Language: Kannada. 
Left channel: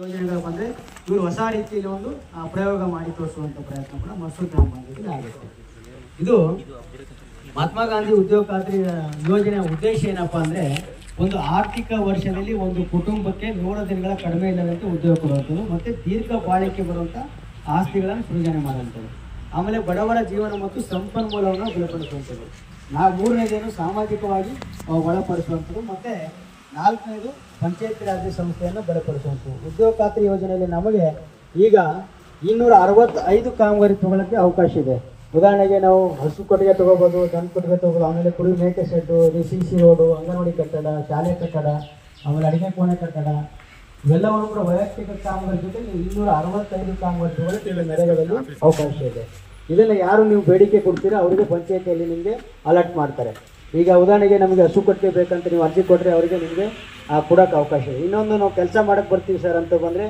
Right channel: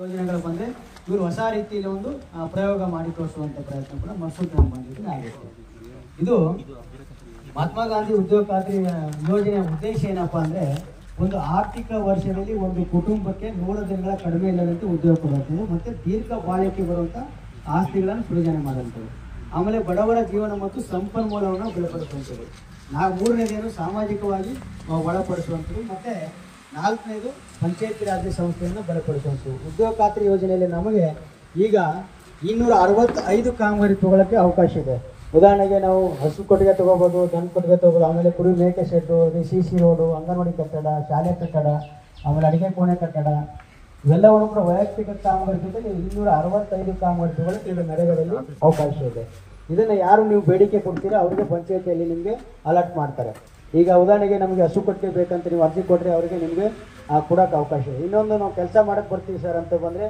ಯೋಜನೆಗಳು ಬಂದರೆ ಇವರು ಹೊಸ ರೀತಿಯಲ್ಲಿ ಒಂದು ಪ್ರಯೋಗ ಮಾಡಿ ತೋರಿಸುವಂಥ ಪ್ರಯತ್ನ ಕೂಡ ಮಸೂದ್ ಗ್ರಾಮ ಆಗುತ್ತೆ. ಇದು ಮಹಾತ್ಮ ಗಾಂಧಿ ಉದ್ಯೋಗ ಖಾತ್ರಿ ಯೋಜನೆಯ ಉದ್ದೇಶ ಏನಪ್ಪ ಅಂದರೆ, ಒಂದು ಆರ್ಥಿಕ ವರ್ಷದಲ್ಲಿ ಒಂದು ಕುಟುಂಬಕ್ಕೆ 100 ದಿನಗಳ ಕಡಿಮೆ ಇಲ್ಲದಂತೆ ಉದ್ಯೋಗ ಕೊಡುವಂಥದ್ದು ಮತ್ತು ದೀರ್ಘ ಬಾಳಿಕೆ ಬರುವಂಥ ಆಸ್ತಿಗಳನ್ನು ಸೃಜನೆ ಮಾಡುವಂಥದ್ದು, ಆಮೇಲೆ ಬಡವರ ಜೀವನ ಮತ್ತು ಸಂಪನ್ಮೂಲವನ್ನು ಬಲಪಡಿಸುವಂಥದ್ದು, ಮೂರನೇದೇನು ಸಾಮಾಜಿಕವಾಗಿ ಒಳಪಡಿಸುವಂಥದ್ದು, ಮತ್ತು 4ನೇದು ಪಂಚಾಯತ್ ರಾಜ್ ಸಂಸ್ಥೆಯನ್ನು ಬಲಪಡಿಸುವಂಥದ್ದು. ಉದ್ಯೋಗ ಖಾತ್ರಿ ಯೋಜನೆಯಲ್ಲಿ ನಮಗೆ ಈಗ 265 ಕಾಮಗಾರಿ ತಗೊಳ್ಳೋಕ್ಕೆ ಅವಕಾಶ ಇದೆ. ಉದಾಹರಣೆಗೆ ನಾವು ಹಸು ಕೊಟ್ಟಿಗೆ ತೊಗೋಬೋದು, ದನ ಕೊಟ್ಟಿಗೆ ತೊಗೋಬೋದು, ಆಮೇಲೆ ಕುರಿ ಮೇಕೆ ಶೆಡ್ಡು, CC ರೋಡು, ಅಂಗನವಾಡಿ ಕಟ್ಟಡ, ಶಾಲೆ ಕಟ್ಟಡ, ಆಮೇಲೆ ಅಡುಗೆ ಕೋಣೆ ಕಟ್ಟಡ, ಇವೆಲ್ಲವನ್ನು ಕೂಡ ವೈಯಕ್ತಿಕ ಕಾಮಗಾರಿ ಜೊತೆಗೆ 265 ಕಾಮಗಾರಿ ತಗೊಳ್ಳೋಕ್ಕೆ ಈಗ ನರೇಗಾದಲ್ಲಿ ಅವಕಾಶ ಇದೆ. ಇದನ್ನು ಯಾರು ನೀವು ಬೇಡಿಕೆ ಕೊಡ್ತೀರಾ ಅವರಿಗೆ ಪಂಚಾಯತಿಯಲ್ಲಿ ನಿಮಗೆ ಅಲರ್ಟ್ ಮಾಡ್ತಾರೆ. ಈಗ ಉದಾಹರಣೆಗೆ ನಮಗೆ ಹಸು ಕೊಟ್ಟಿಗೆ ಬೇಕಂತ ನೀವು ಅರ್ಜಿ ಕೊಟ್ಟರೆ ಅವರಿಗೆ ನಿಮಗೆ ಕೊಡೋಕ್ಕೆ ಅವಕಾಶ ಇದೆ. ಇನ್ನೊಂದು ನಾವು ಕೆಲಸ ಮಾಡೋಕ್ಕೆ ಬರ್ತೀವಿ ಸರ್ ಅಂತ ಬಂದರೆ